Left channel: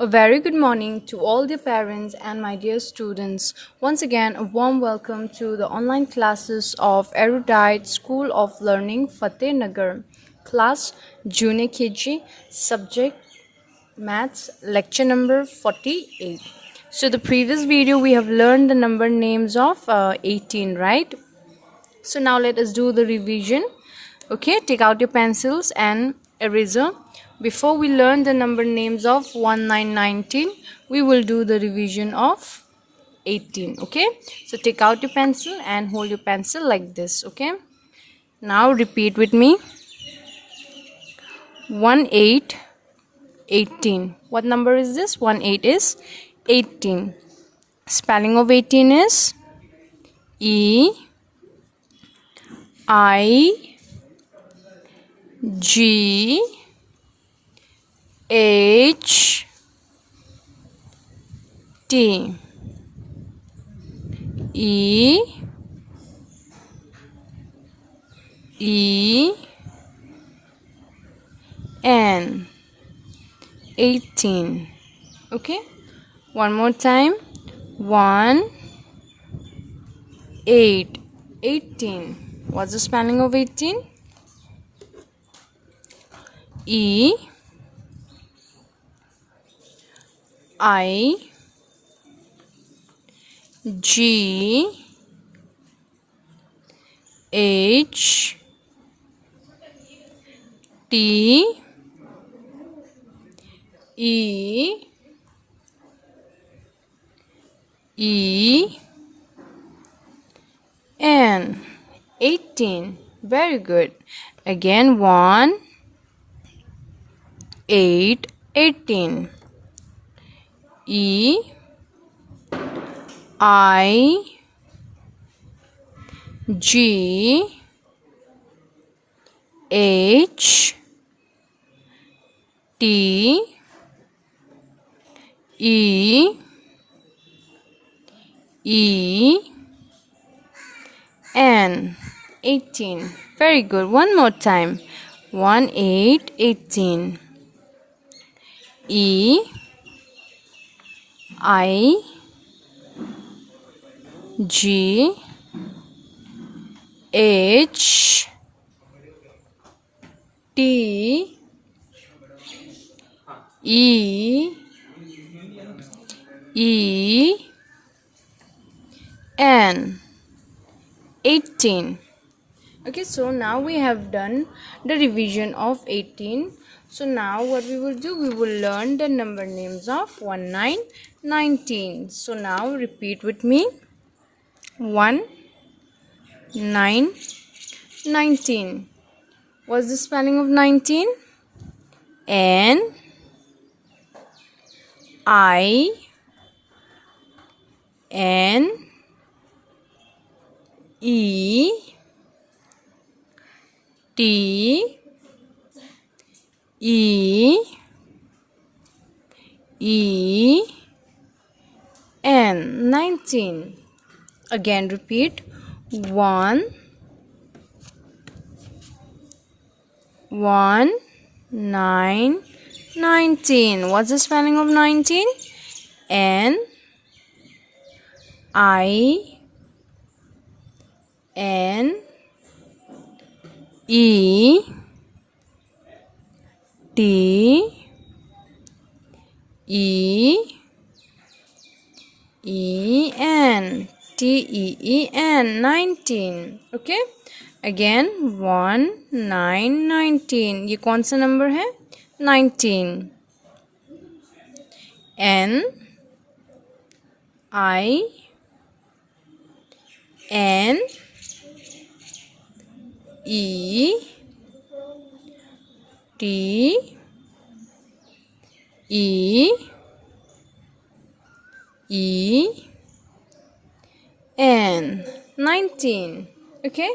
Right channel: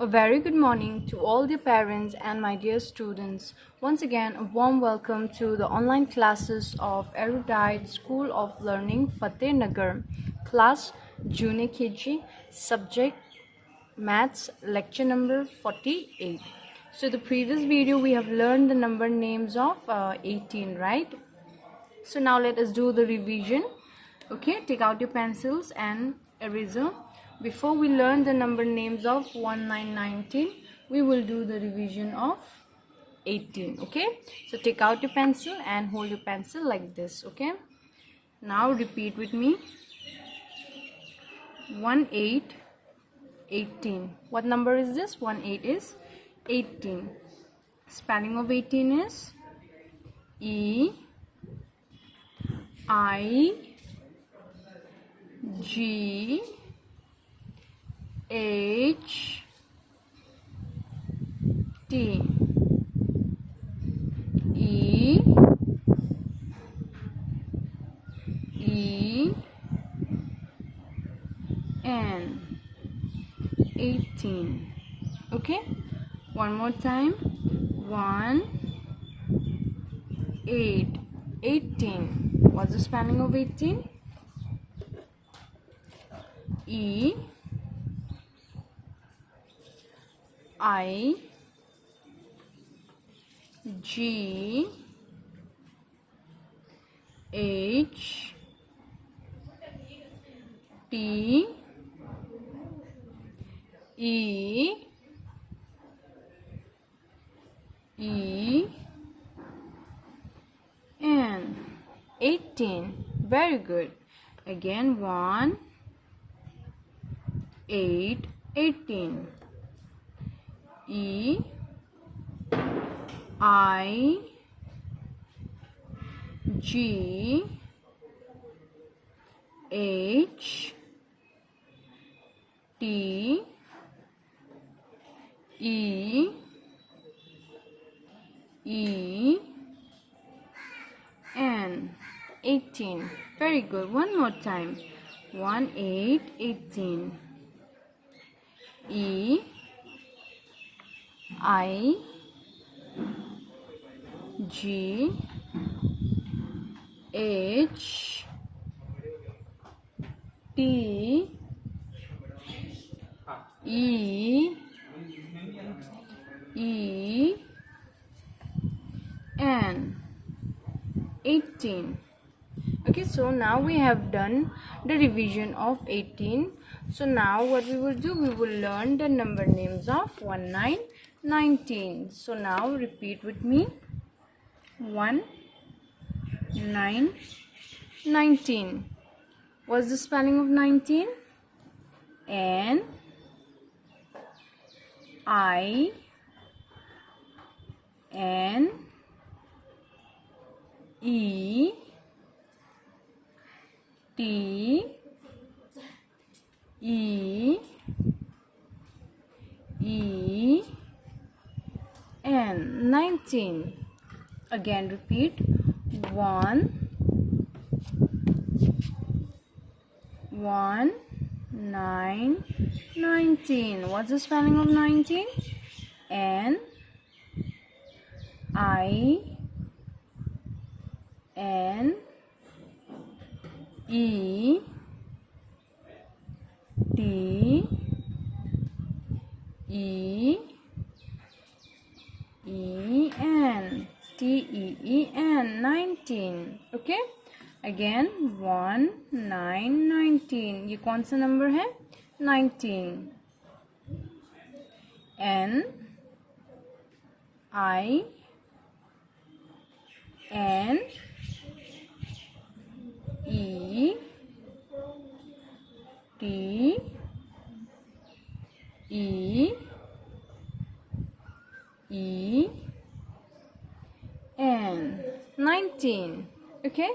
A very good morning to all the parents and my dear students. Once again, a warm welcome to the online classes of Erudite School of Learning Fatehnagar, class Junior KG, subject Maths, lecture number 48. So, the previous video we have learned the number names of 18, right? So now let us do the revision. Okay, take out your pencils and eraser. Before we learn the number names of 1, 9, 19, we will do the revision of 18. Okay, so take out your pencil and hold your pencil like this. Okay, now repeat with me. 1, 8, 18. What number is this? 1, 8 is 18. Spelling of 18 is E I G H T E E N 18. Okay, one more time. 1 8 18. What's the spelling of 18? E I G H T E E N 18. Very good. Again, 1 8 18. E I G H T E E N 18. Very good. One more time. 1 8 18. E I G H T E E N 18. Okay, so now we have done the revision of 18. So now what we will do, we will learn the number names of 1 9 19. So now repeat with me. 1 9 19. What's the spelling of 19? N I N E T E E N 19. Again repeat. 1 1 9 19. What's the spelling of 19? N I N E T E E N T-E-E-N 19. Okay, again 1 9 19. ये कौन सा number है? 19. N I N E T E E N 19. Okay,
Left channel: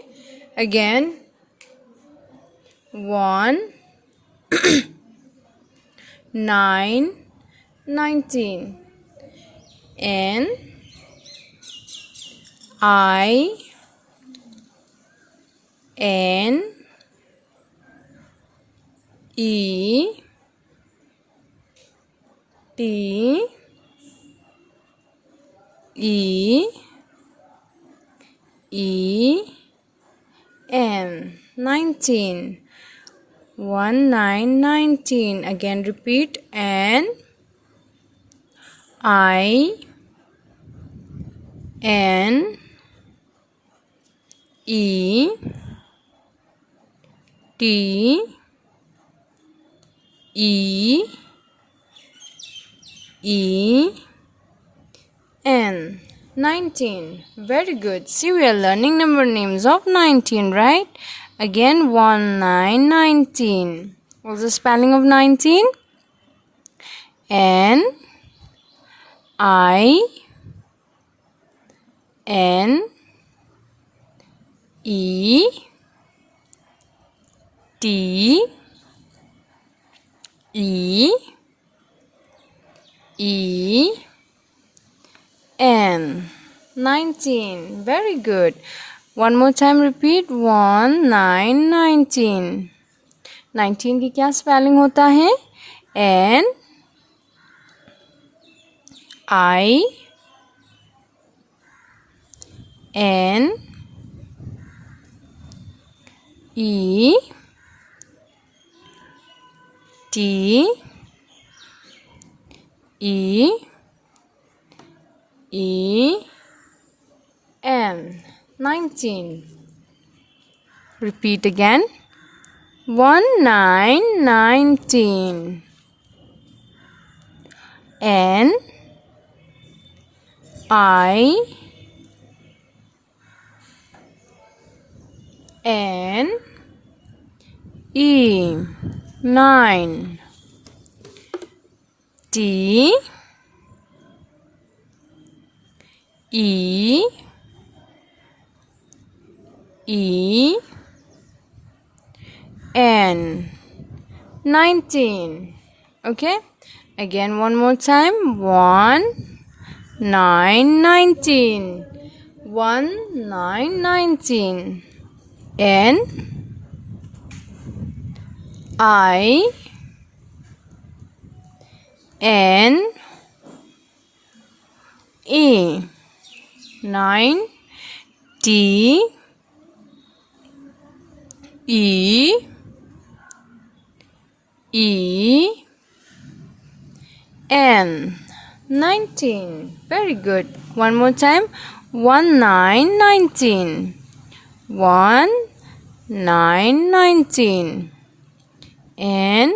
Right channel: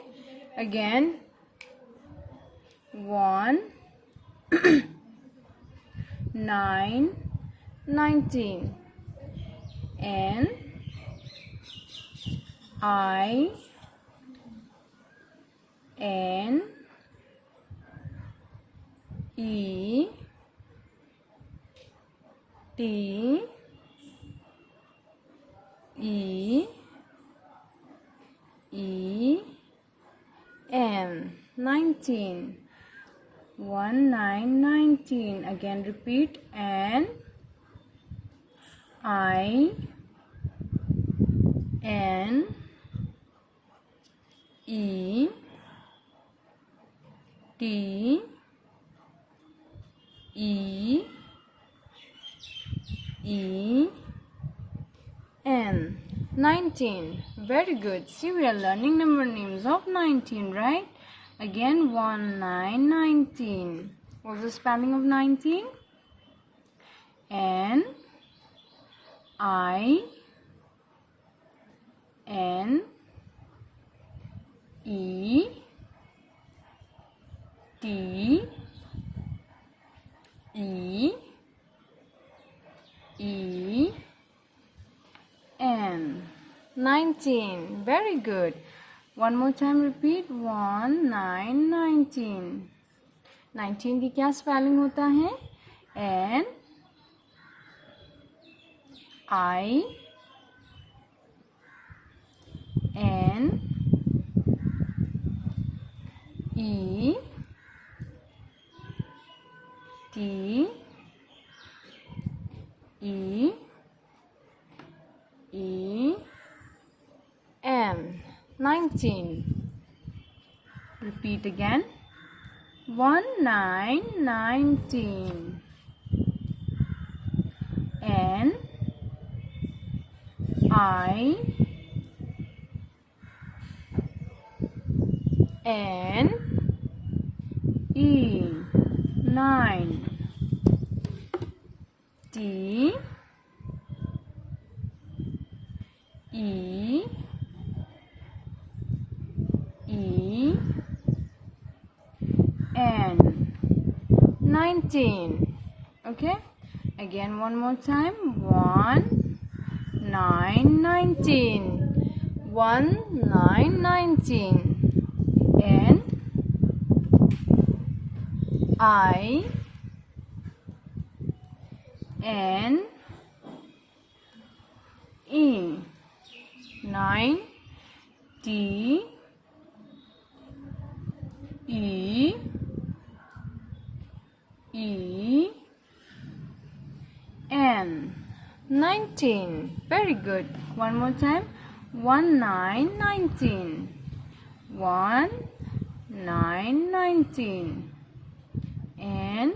again 1 9 19. N I N E T E E N 19. 19. Again repeat. N I N E T E E N 19. Very good. See, we are learning number names of 19, right? Again, 19. What's the spelling of 19? N I N E T E E N 19. Very good. One more time repeat. 19. 19 की क्या spelling होता है? N I N E T E E N 19. Repeat again. 19. N I N E 9. T E E N 19. Okay, again one more time. 19. 19. N I N E 9. T E E N 19. Very good. One more time. 19. 19. N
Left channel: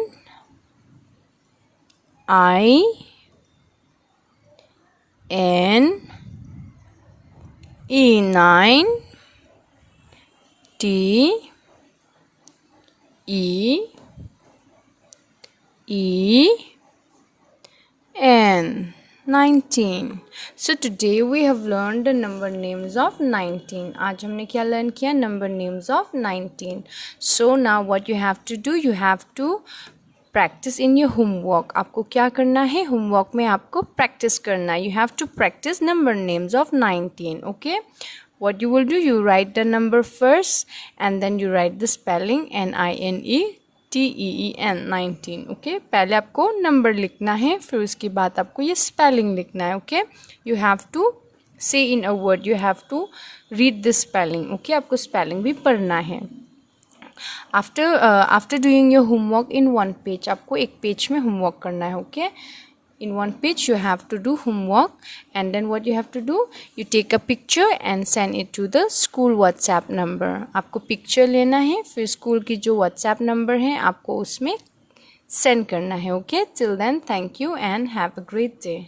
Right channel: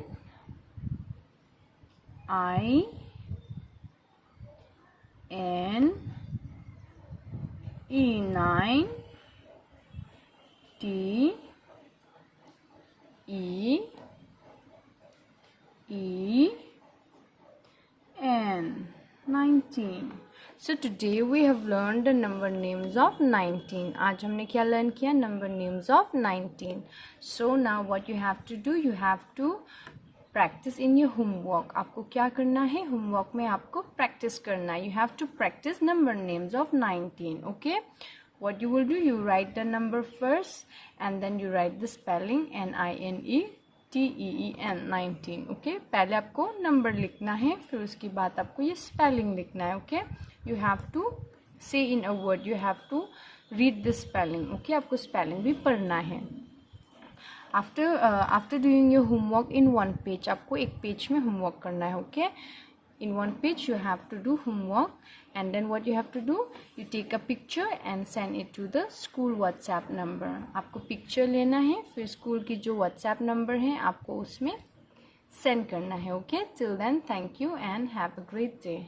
I N E 9. T E E N 19. So today we have learned the number names of 19. आज हमने क्या learn किया? Number names of 19. So now what you have to do? You have to practice in your homework. आपको क्या करना है? Homework में आपको practice करना है. You have to practice number names of 19. Okay? What you will do? You write the number first and then you write the spelling NINETEEN 19. Okay, पहले आपको नंबर लिखना है, फिर उसके बाद आपको ये स्पेलिंग लिखना है. Okay, you have to say in a word, you have to read the spelling. Okay, आपको स्पेलिंग भी पढ़ना है. After doing your homework in one page, आपको एक पेज में होमवर्क करना है. Okay, in one page you have to do homework, and then what you have to do, you take a picture and send it to the school WhatsApp number. आपको picture लेना है, फिर school की जो WhatsApp number है आपको उसमें send करना है. Okay, till then thank you and have a great day.